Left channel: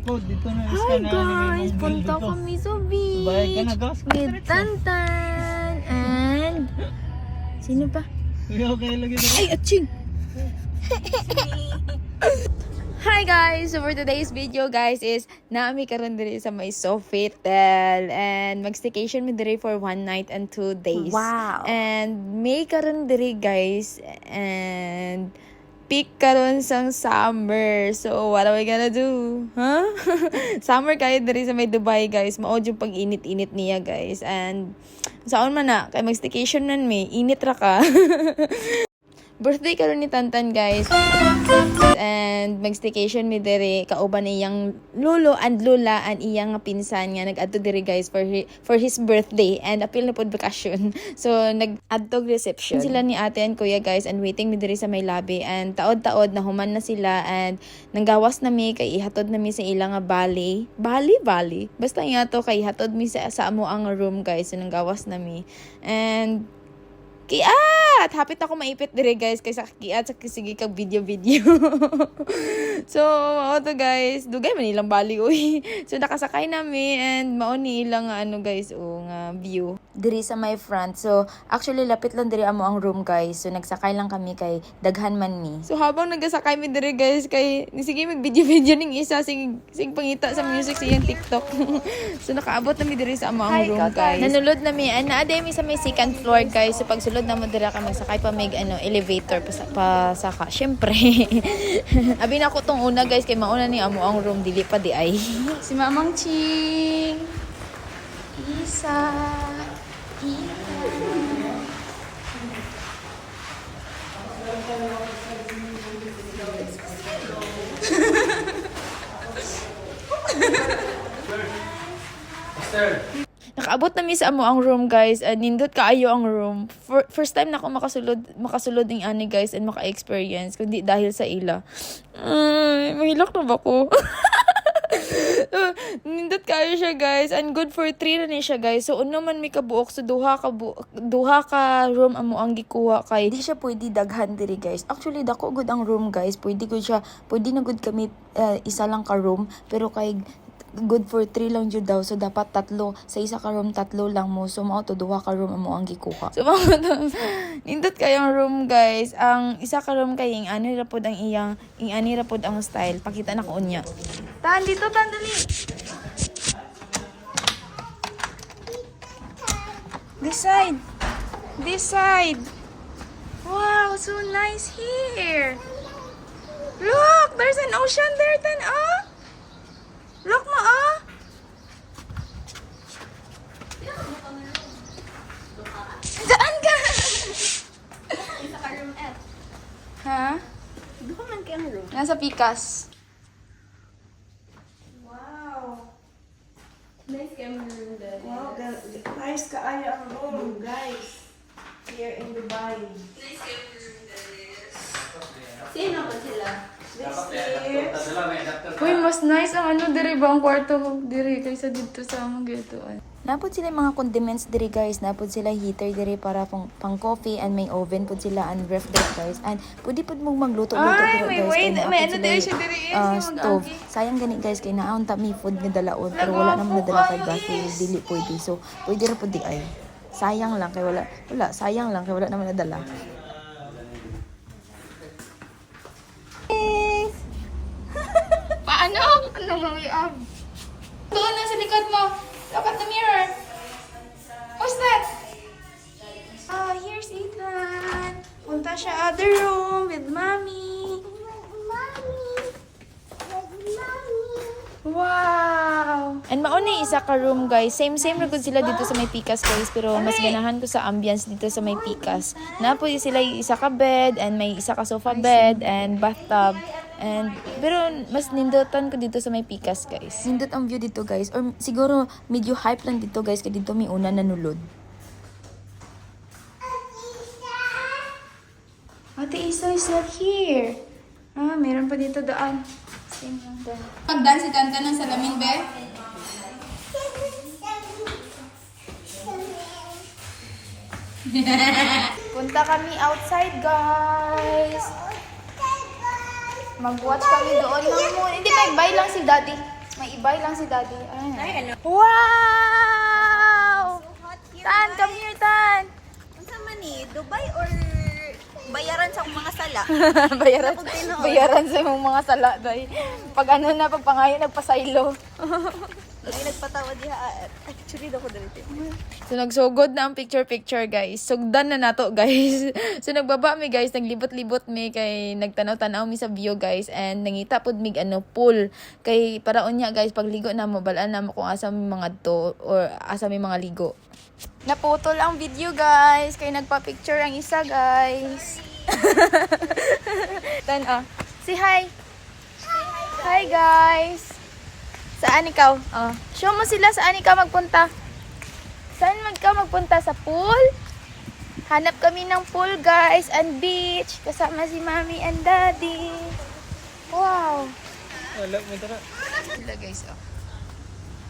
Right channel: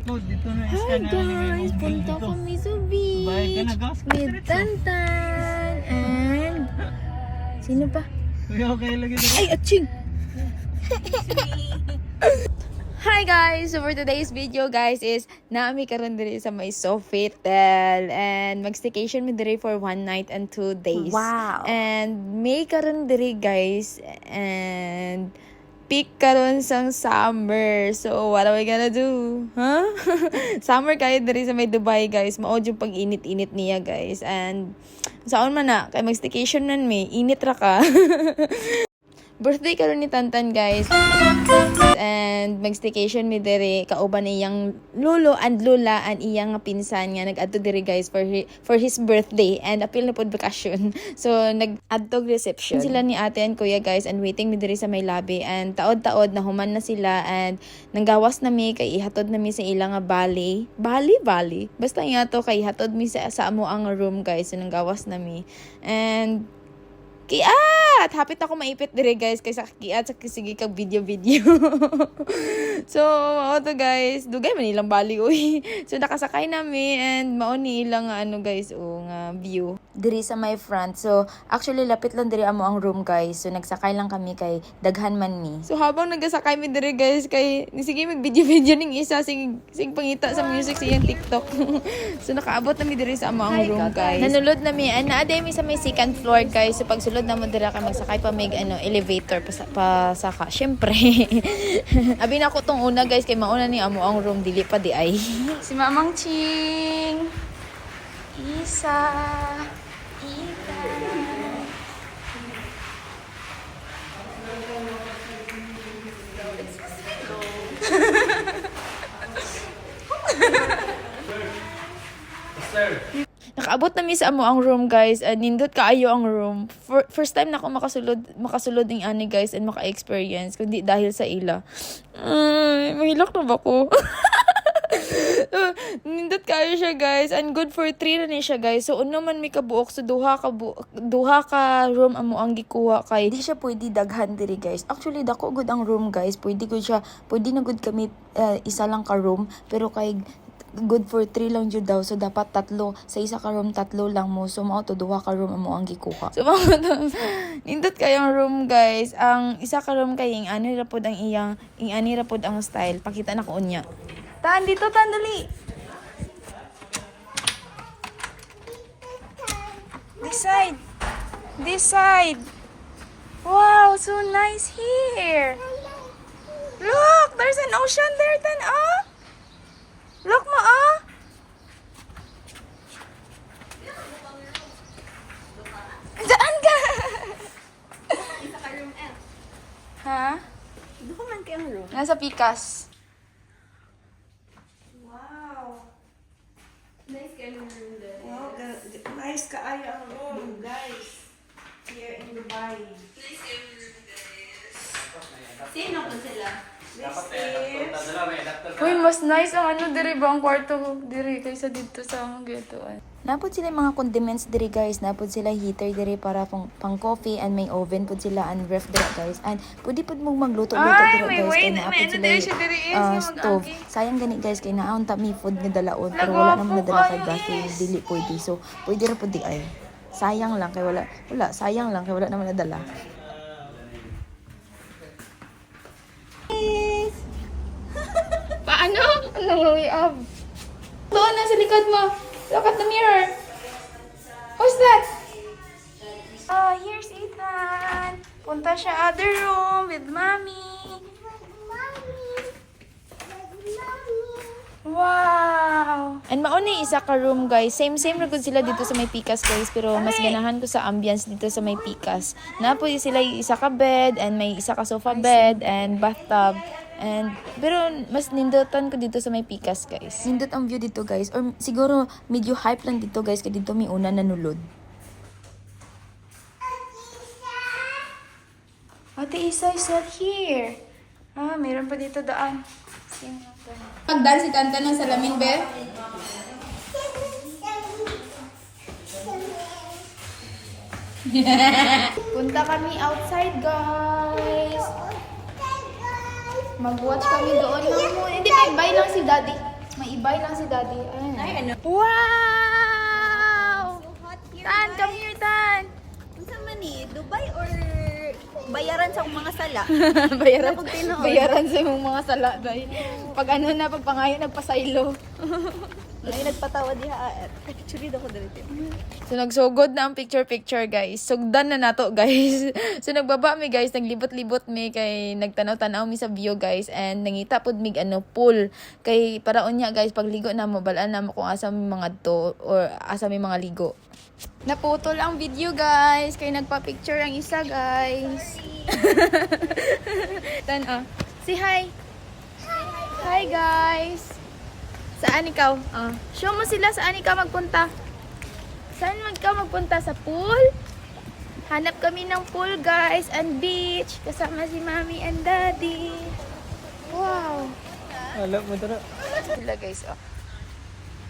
Dito na Hi guys! Punta kami sa beach with Tantan and... Sino pa? Okay, lagi na. Ay, aching! Hi guys! So for today's video guys is naami karon diri sa may Sofitel and mag-staycation mi diri for 1 night and 2 days. Wow! And may karon diri guys and peak karon sang summer. So what are we gonna do? Huh? Summer kayo diri sa may Dubai guys. Mao jud pag init-init niya guys. And saon man na kay mag-staycation nan mi, init ra ka. Birthday karon ni Tantan guys. And mag-staycation mi diri kauban iyang lolo and lola and iyang pinsan nga nag-adto diri guys for his birthday and apil na pod bakasyon. So nag-adto reception sila ni ate and kuya guys and waiting mi diri sa may lobby and taod-taod na human na sila and nanggawas na mi kay ihatod na mi sa ilang nga bali. Basta nga to kay ihatod mi sa amo ang room guys. So nanggawas na mi and kiat! Hapit ako maipit dire guys kaysa kiat sa sige kag video. So, to guys, dugay man ilang bali uy. So nakasakay nami and mao ni ilang ano guys nga view diri sa my front. So actually lapit lang diri amo ang room guys. So nagsakay lang kami kay daghan man mi. So habang nagasakay mi diri guys kay sige mag video ning isa sing pangita sa music sa iyang TikTok. So nakaabot nami diri sa amo ang room guys. Nanulod nami and naa mi sa may second floor guys. So pag sulod na mo dira ka magsakay pa may elevator pa saka. Syempre. Abi na ako tong una guys kay mauna ni amo ang room dili pa di ay. Si Mamang Ching. Isa. Nakaabot na mi sa amo ang room guys and nindot kaayo ang room. First time na ako makasulod ning ani guys and maka-experience kundi dahil sa ila. Mahilak na ba ko? Nindot kayo siya guys and good for 3 na ni siya guys. So uno man mi kabuok so duha ka room amo ang gikuha kay di siya pwede daghan diri guys. Actually dako good ang room guys. Pwede na good kami isa lang ka room pero kay good for 3 lang jud daw. So dapat 3 sa isa ka room 3 lang mo. So mao to duha ka room amo ang gikuha. So mao to nindot kayong room guys. Ang isa ka room kay ing ani ra pod ang style. Pakita na ko unya. Tan dito dali. This side. Wow, so nice here. Look, there's an ocean there, Tan. Look mo, Saan ka? Ha? Doon man kayo mo. Nasa Pikas. Wow. Nice camera room guys. Wow, nice kaayo ang room guys. Here in Dubai. Nice camera room guys. Sino po sila? This is... Uy, mas nice ang diri ba ang kwarto diri kaysa dito sa among gituan. Napod sila mga condiments diri guys, napod sila heater diri para pang coffee and may oven pud sila and ref diri guys. And pwede pud mo magluto-luto diri guys kay naapod sila stove. Sayang gani guys kay naon ta mi food nga dalaon pero wala naman nadala kay gas dili pwede. So pwede ra pud di ay. Sayang lang kay wala naman nadala. Paano? Anong up? Doon na sa likod mo. Look at the mirror. What's that? Oh, here's Ethan. Punta siya other room with mommy. Wow! And mauni isa ka room guys. Same ra gud sila dito sa may Pikas guys pero mas ganahan ko sa ambience dito sa may Pikas. Napoy sila isa ka bed and may isa ka sofa bed and bathtub. And pero mas nindotan ko dito sa may Pikas guys. Nindot ang view dito guys or siguro medyo hype lang dito guys kay dito may una nanulod. Ate Isa is not here. Meron pa dito daan. Pagdaan si Tanta ng salamin, be? Punta kami outside, guys. Mag-watch kami doon. Hindi, bye lang si Daddy. May ibay lang si Daddy. Ay, ano? Wow! So hot here, Tan, guys. come here, Tan! Unsa man ni? Dubai or bayaran sa mga sala? bayaran, Napag tinuod. bayaran sa imong mga sala, Day. Pag ano na, pag pangayo, nagpasaylo. Ay, nagpatawa diha. Actually, daw ko dito. So, nagsugod na ang picture-picture, guys. Sugdan na nato, guys. So, nagbaba mi, guys. Naglibot-libot mi kay nagtanaw-tanaw mi sa view, guys. And nangita pod mig pool. Kay paraon niya, guys, pagligo na mo, balaan na mo kung asa mi mga to or asa mi mga ligo. Naputol ang video, guys. Kay nagpa-picture ang isa, guys. Tan, say hi. Hi, guys. Saan ikaw? Show mo sila saan ikaw magpunta. Saan ka magpunta? Sa pool? Hanap kami ng pool, guys, and beach. Kasama si Mommy and Daddy. Wow. Wala mo tara. Sila, guys,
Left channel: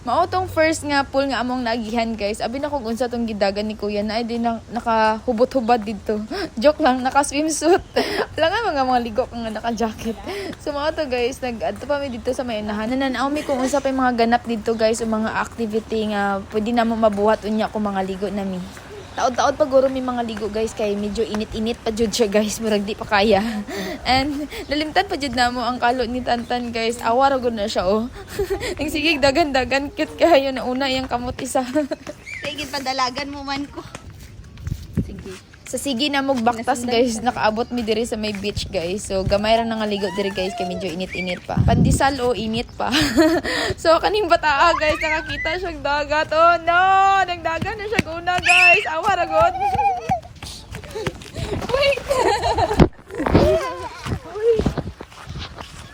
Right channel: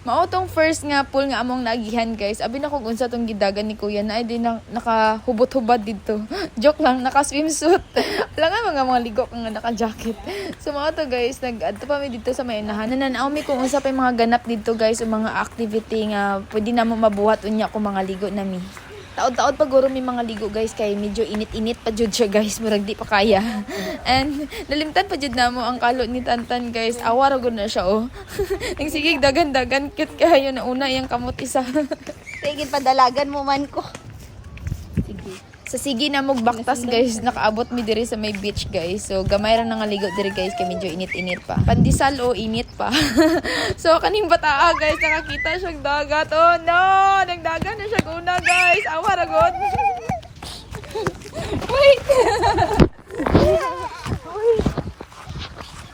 Mao tong first nga pool nga among naagihan, guys. Abi na kung unsa tong gidagan ni Kuya na ay di na nakahubot-hubad dito. Joke lang, naka-swimsuit. Wala nga mga ligo kang naka-jacket. So mao to, guys, nag-adto pa mi dito sa may unahan. Nananaw mi kung unsa pa yung mga ganap dito, guys, o mga activity nga pwede na mo mabuhat unya kung mga ligo nami. Taod-taod pag guro may mga ligo, guys, kay medyo init-init pa jud siya, guys, murag di pa kaya. And nalimtan pa jud namo ang kalot ni Tantan, guys. Awa ra gud na siya, Ang sigig dagan-dagan cute kayo na una yang kamot isa. Tigil padalagan mo man ko. Sa sige na magbaktas, guys, nakaabot mi diri sa may beach, guys. So gamay ra nga ligo diri, guys, kay medyo init-init pa. Pandisal init pa. So kaning bataa, guys, nakakita siyang dagat. Oh no, nagdagan na siya una, guys. Awa ra gud. Wait.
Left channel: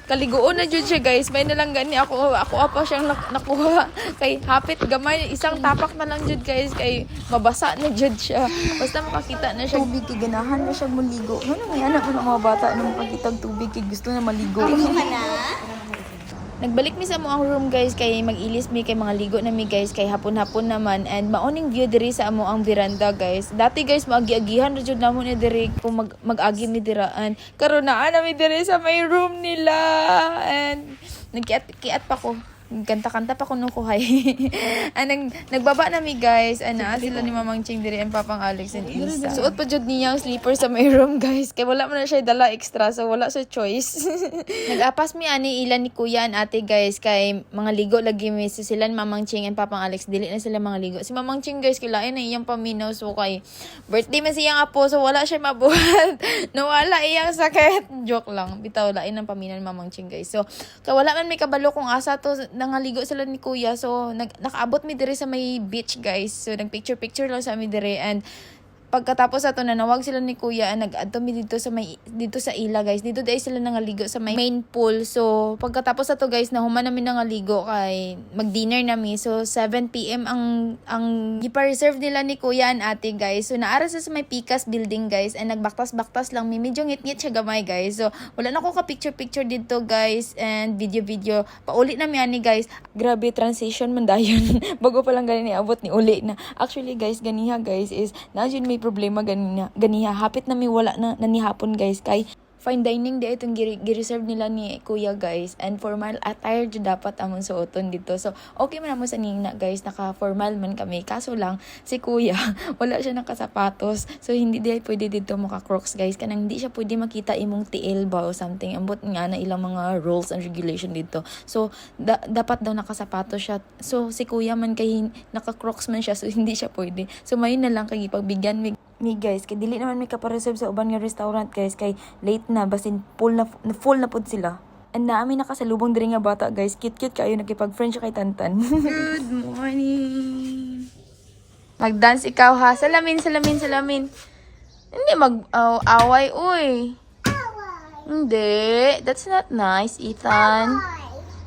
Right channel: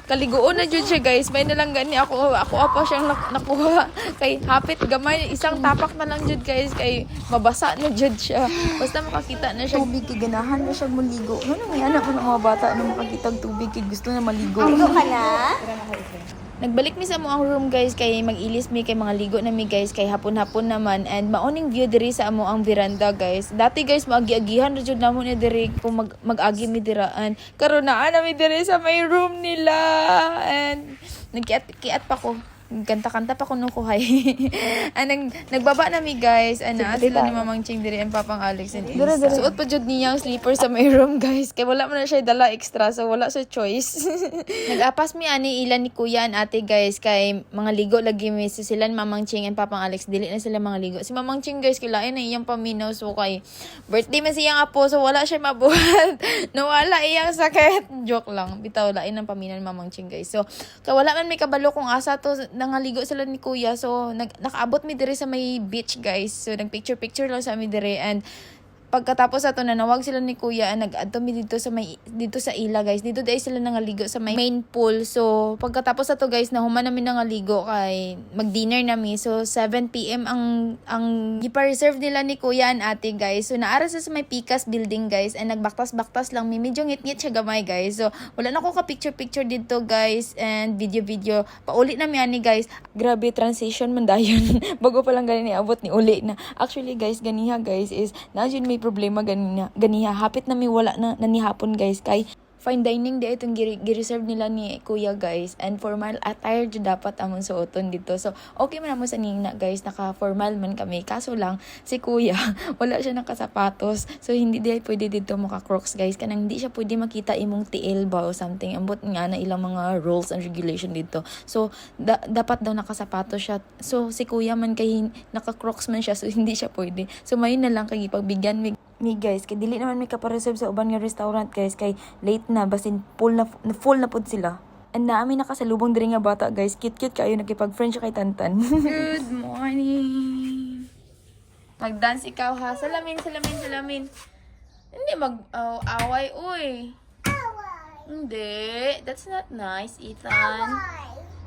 Kaliguon na jud siya, guys. May nalang gani ako apa siyang nakuha kay hapit gamay, isang tapak na lang jud, guys, kay mabasa na jud siya. Basta makakita na siya tubig, kay ganahan na siya muligo. Ano nga anak mo ng mga bata na makakita og tubig kay gusto na maligo. Nagbalik mi sa mo ang room, guys, kay mag-ilis mi kay mga ligo na mi, guys, kay hapon-hapon naman, and maoning view diri sa amo ang veranda, guys. Dati, guys, maagi-agihan ra jud namo ni diri kung mag-agi mi diraan. Karon naa na mi diri sa may room nila, and nagkiat pa ko. Kanta-kanta pa ko nung kuhay. Nagbaba na mi, guys. Ana sila ni Mamang Ching diri and Papang Alex and Ilsa. Suot pa jud niya ang sleeper sa may room, guys. Kay wala man na siya dala extra, so wala sa choice. Nag-apas mi ani ilan ni Kuya and Ate, guys, kay mga ligo lagi mi sila ni Mamang Ching and Papang Alex. Dili na sila mga ligo. Si Mamang Ching, guys, kilain na iyang paminaw, so kay birthday man siyang apo, so wala siya mabuhat. Nawala iyang sakit. Joke lang. Bitaw lain ang paminaw ni Mamang Ching, guys. So kay wala man may kabalo kung asa to nangaligo sila ni Kuya, so nakaabot mi diri sa may beach, guys. So nagpicture lang sa mi diri, and pagkatapos ato nanawag sila ni Kuya, nag-adto mi dito sa ila, guys. Dito dai sila nangaligo sa may main pool. So pagkatapos ato, guys, nahuman namin nangaligo kay mag-dinner nami. So 7 PM ang gipa-reserve nila ni Kuya and Ate, guys. So naara sa may Picas building, guys, and nagbaktas-baktas lang mi. Medyo ngit-ngit siya gamay, guys. So wala na ko ka picture dito, guys, and video. Pauli na mi ani, guys. Grabe transition man dayon. Bago pa lang gani abot ni uli na. Actually, guys, ganiha, guys, is na jud may problema ganiha. Hapit na may wala na nanihapon, guys, kay fine dining di itong gi-reserve nila ni Kuya, guys, and formal attire jud dapat amon suoton dito. So okay man mo sa ningna, guys, naka-formal man kami, kaso lang si Kuya wala siya nakasapatos, so hindi di pwede dito maka-crocs, guys, kanang hindi siya pwede makita imong tiil ba o something. Ambot nga na ilang mga rules and regulation dito, so dapat daw nakasapatos siya. So si Kuya man kay naka-crocs man siya, so hindi siya pwede. So mayon na lang kay ipagbigyan mi, guys, kay dili naman may kapareserve sa uban nga restaurant, guys, kay late na, basin full na pod sila. And naami nakasalubong diri nga bata, guys, cute kayo, nakipag-friend siya kay Tantan. Good morning. Mag-dance ikaw, ha? Salamin. Hindi mag-away, uy. Hindi, that's not nice, Ethan.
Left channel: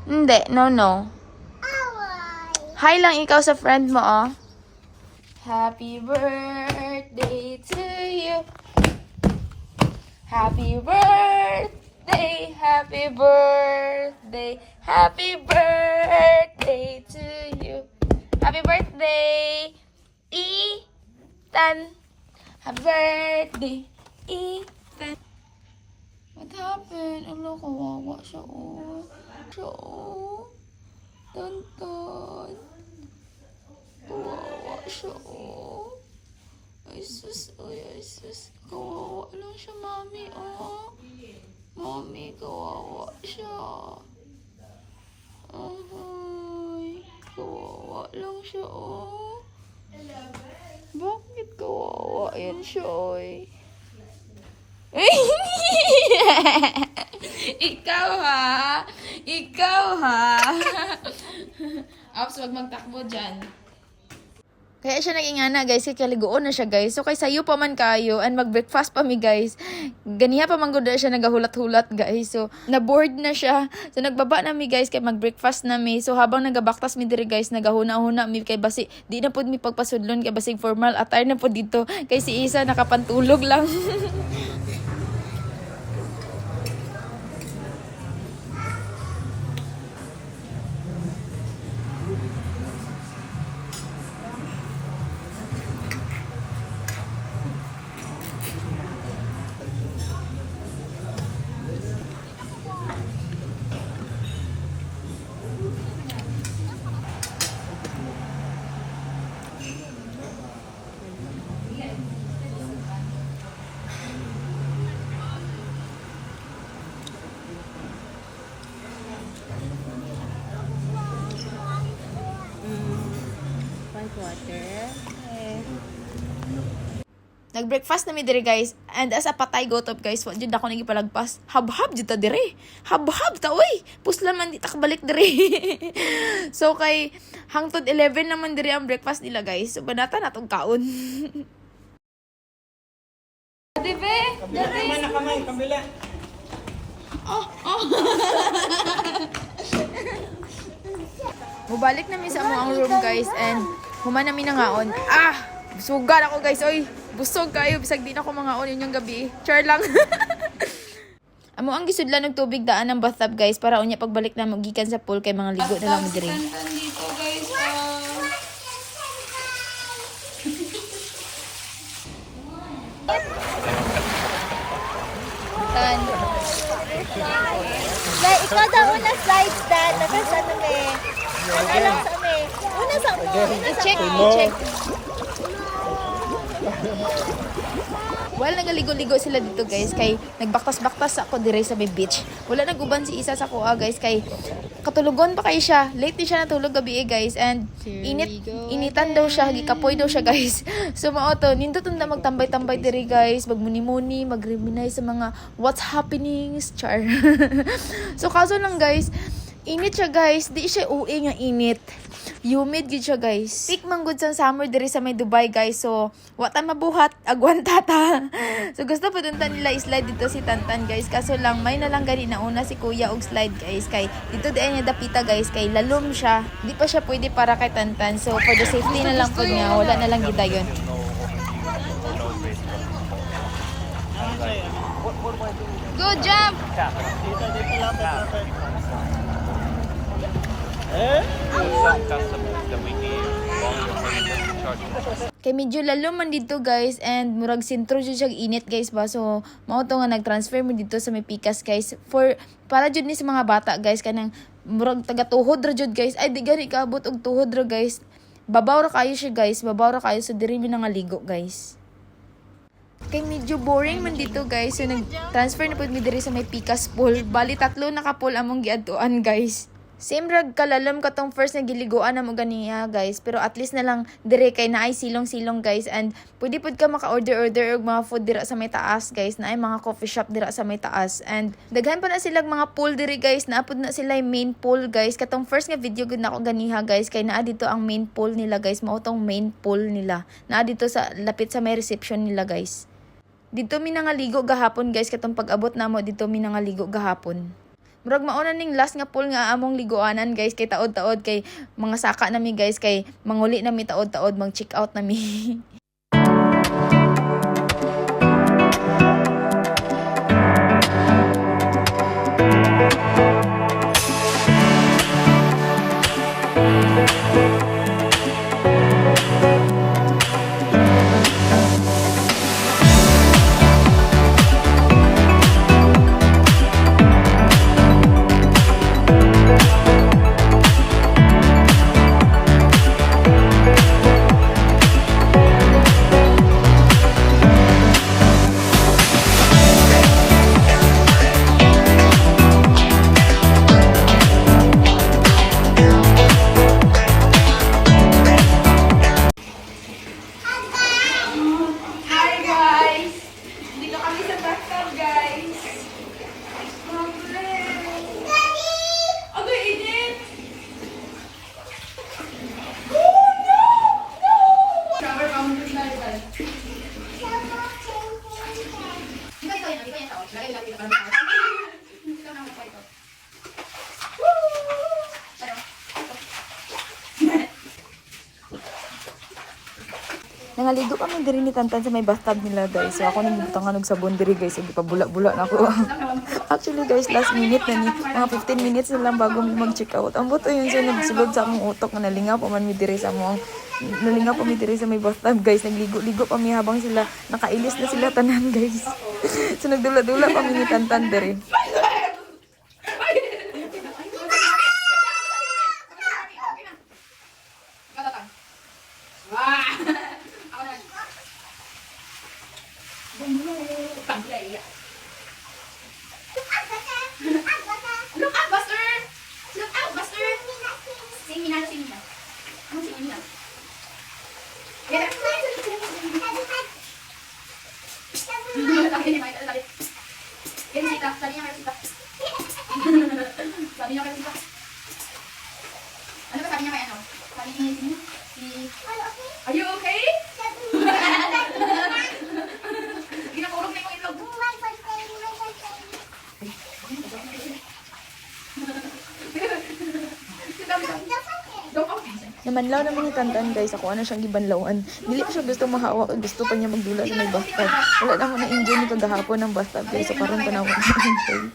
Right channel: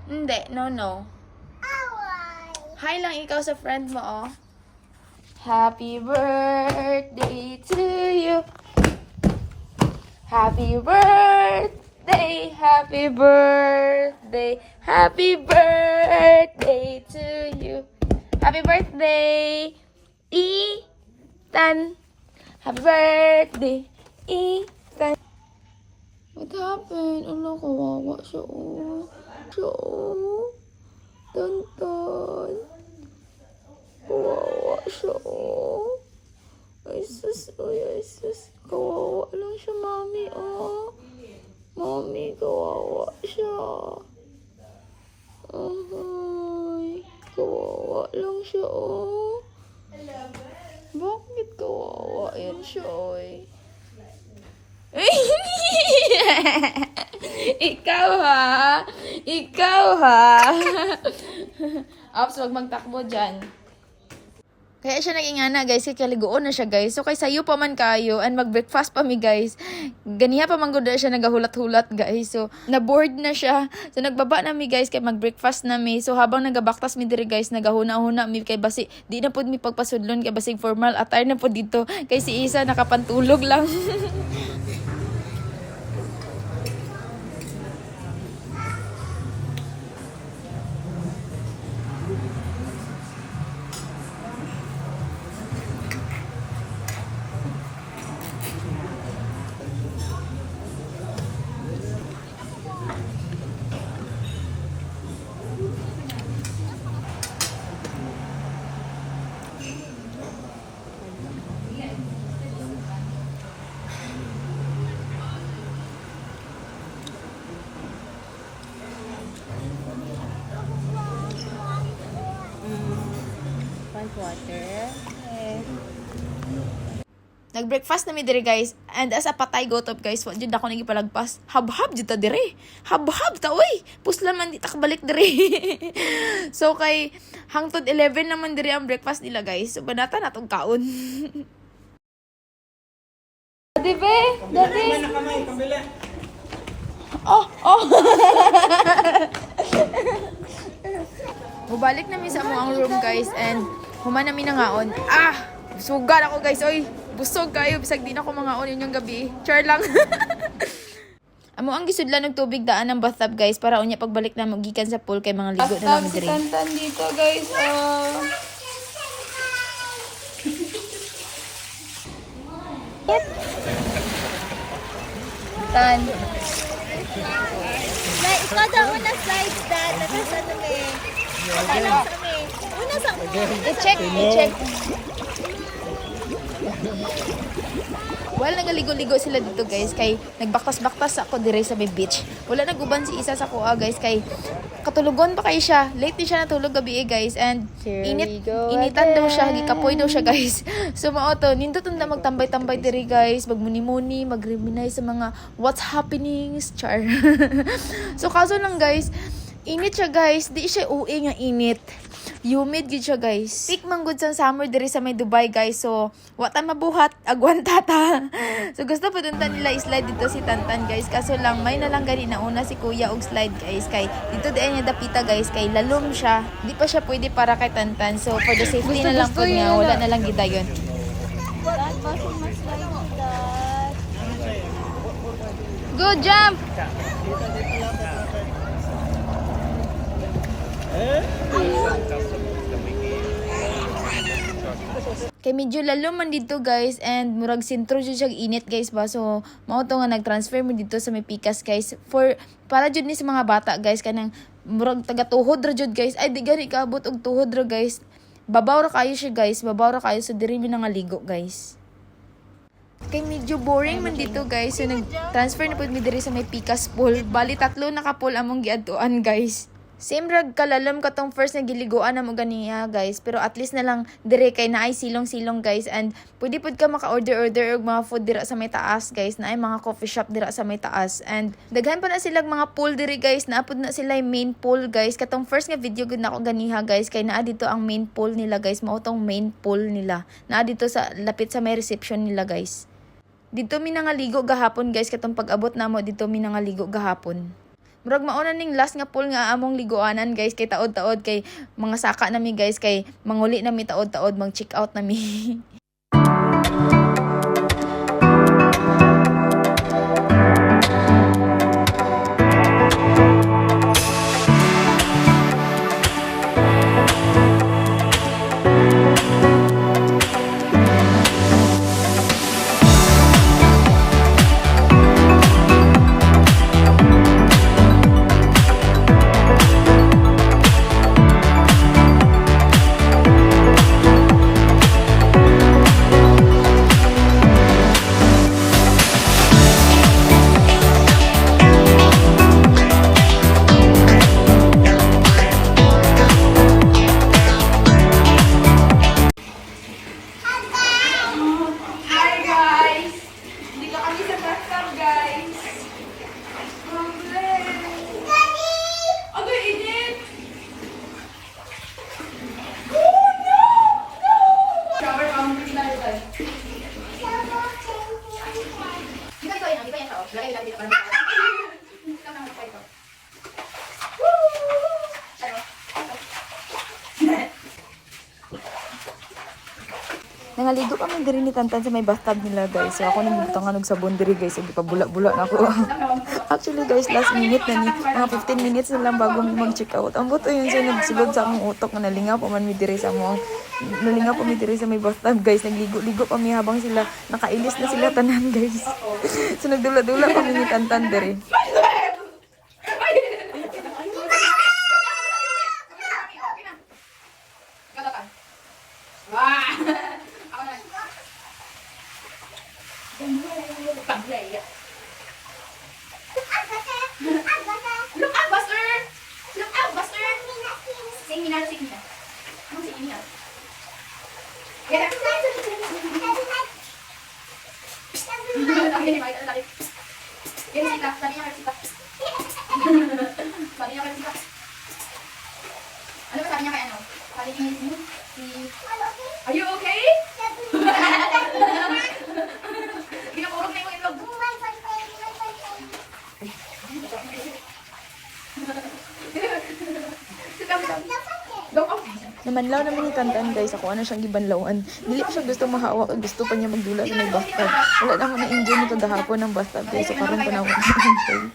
Hindi, no. Hi lang ikaw sa friend mo, Happy birthday to you. Happy birthday, happy birthday, happy birthday to you. Happy birthday, Ethan. Happy birthday, Ethan. What happened? Ano, kawawa siya, Tantan. Kawawa siya, oh. Ay, sus. Ay, sus. Kawawa lang siya, mami, oh. Mami, kawawa siya. Ay, kawawa lang siya, oh. Bakit kawawa yan siya, oy? Ikaw ha? Ikaw ha? Ops, wag magtakbo dyan. Kaya siya naging ana guys, kaya kaligoon na siya guys. So kay sayo pa man kayo and mag-breakfast pa mi guys. Ganiha pa man gud siya nagahulat-hulat guys. So na-bored na siya. So nagbaba na mi guys kay mag-breakfast na mi. So habang nagabaktas mi diri guys, nagahuna-huna mi kay basi di na pud mi pagpasudlon kay basig formal attire na pud dito. Kay si Isa nakapantulog lang. Water. Nag-breakfast na mi diri guys. And as a patay gotop guys, wa jud ako nagipalagpas. Hab-hab jud ta diri. Hab-hab ta oy. Puslan man di ta kabalik diri. So kay hangtod 11 naman diri ang breakfast nila guys. So banata na tong kaon. Dibe? Kamay na kamay, kabila. Oh. Mubalik na mi sa among room guys and human na mi nangaon. Sugal ako guys, oy. Busog kayo bisag di na ako mangaon yun yung gabi. Char lang. Amo ang gisudlan ng tubig daan ng bathtub guys para unya pagbalik na magikan sa pool kay mga ligo na lang mi diri. Tantan dito guys. Like, ikaw daw una slides dad. Tapos ano may. Alam sa may. Una sa mo. Check. Well, nagaligo-ligo sila dito guys kay nagbaktas-baktas ako dire sa may beach. Wala nag-uban si Isa sa kuha guys kay katulugon pa kay siya. Late din siya natulog gabi guys and initan daw siya, gikapoy daw siya guys. So mao to, nindot unda magtambay-tambay dire guys, magmuni-muni, mag-reminisce sa mga what's happenings, char. So kaso lang guys, init siya guys, di siya uwi nga init. Humid gid siya guys. Peak man gud sa summer diri sa may Dubai guys. So wata mabuhat agwanta ta. So gusto pa dunta nila i-slide dito si Tantan guys. Kaso lang may na lang gani na una si Kuya og slide guys kay dito di niya dapita guys kay lalom siya. Di pa siya pwede para kay Tantan. So for the safety na lang pod nga wala na lang gid dayon. Good jump. Kay medyo lalo man dito guys and murag sentro jud siya init guys ba so mao to nga nag-transfer mo dito sa may Pikas guys for para jud ni sa mga bata guys kanang murag taga tuhod ra jud guys ay di gani kaabot og tuhod ra guys babaw ra kayo siya guys babaw ra kayo so diri mi nangaligo guys. Kay medyo boring man dito guys so nag-transfer na pud mi diri sa may Pikas pool bali 3 na ka pool among giadtuan guys. Same rag kalalam katong first na giliguan na mo ganiya guys. Pero at least na lang dire kay naay silong-silong guys. And pwede pud ka maka-order og mga food dira sa may taas guys. Naay mga coffee shop dira sa may taas. And daghan pa na silang mga pool dire guys. Naapod na sila yung main pool guys. Katong first nga video gud na ako ganiha guys. Kay naa dito ang main pool nila guys. Mao tong main pool nila. Naa dito sa lapit sa may reception nila guys. Dito mi nangaligo gahapon guys. Katong pag-abot namo dito mi nangaligo gahapon. Murag mauna ning last nga pool nga among liguanan guys kay taod-taod kay mga saka nami guys kay manguli nami taod-taod mag check out nami. Nangaligo kami diri ni Tantan sa may bathtub nila guys. So ako nagbutangan og sabon diri guys. So gipabula-bula na ako. Actually guys, last minute na ni. Mga 15 minutes na lang bago mi mag-check out. Ang buto yun siya nagsulod sa akong utok na nalingaw pa man mi diri sa among nalingaw pa mi diri sa may bathtub guys. Nagligo-ligo pa mi habang sila nakailis na sila tanan guys. So nagdula-dula pa mi ni Tantan diri. Look out, Buster! Look out, Buster! Sing Minal, sing Minal. Ano sing Minal? Yeah. Sabi ni Mike, ano sabi? Yan si Tita, sabi niya kay Tita. Sabi niya kay Tita. Ano ba sabi niya kay ano? Sabi ni Are you okay? Ginapurog na yung ilog. Namanlaw naman ni Tantan guys, ako ano siyang gibanlawan. Dili pa siya gusto mahawak, gusto pa niya magdula sa may bathtub. Wala na ako na-enjoy ni kagahapon ng bathtub guys, so karon pa na ako na-enjoy.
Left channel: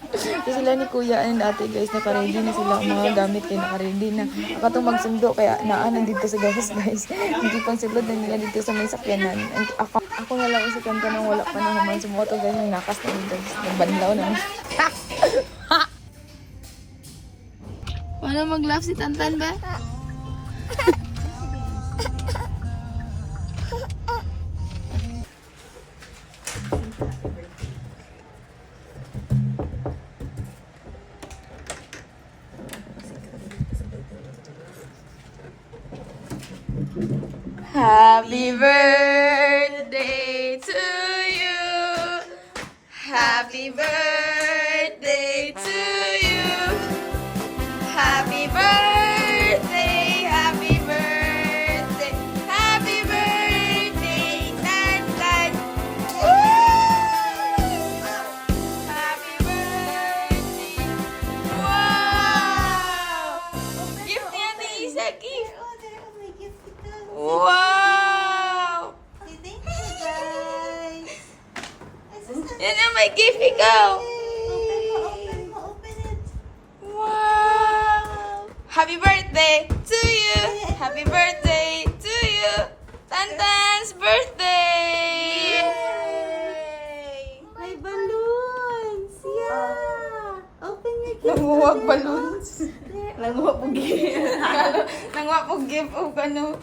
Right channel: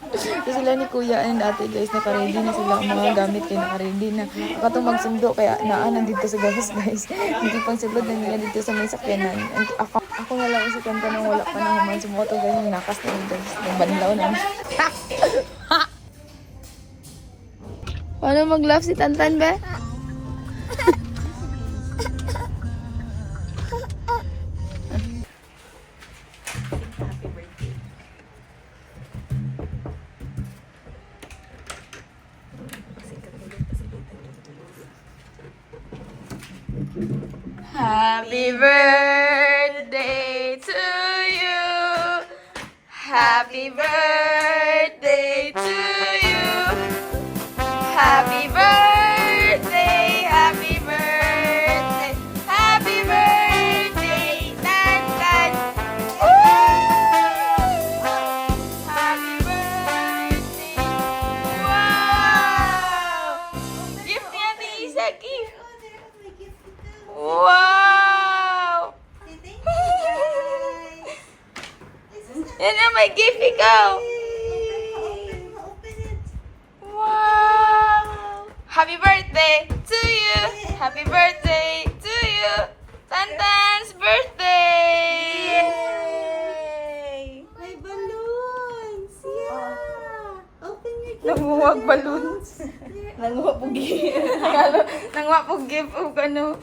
So sila ni Kuya and ate guys, naka-ready na sila ang mga gamit kay naka-ready na. Akatong magsundo kaya naanan dito sa gawas guys. Hindi pang sulod na nila dito sa may sakyanan. And ako na lang si Tantan nang wala pa na human sumoto guys, yung nakas na ni guys. Nagbanlaw na niya. Paano mag-laugh si Tantan ba? Happy birthday to you. Happy birthday to you. Happy birthday, happy birthday, happy birthday, Tan Tan. Woo! Happy birthday. Wow! Gift niya ni Isa, gift. Wow! Yan ang may gift ikaw. Wow! Happy birthday to you! Happy birthday to you! Tantan's birthday! May balloons! Yeah! Open your gift. Nanguwag balloons. Nanguha po gift. Nanguwag po gift o ano.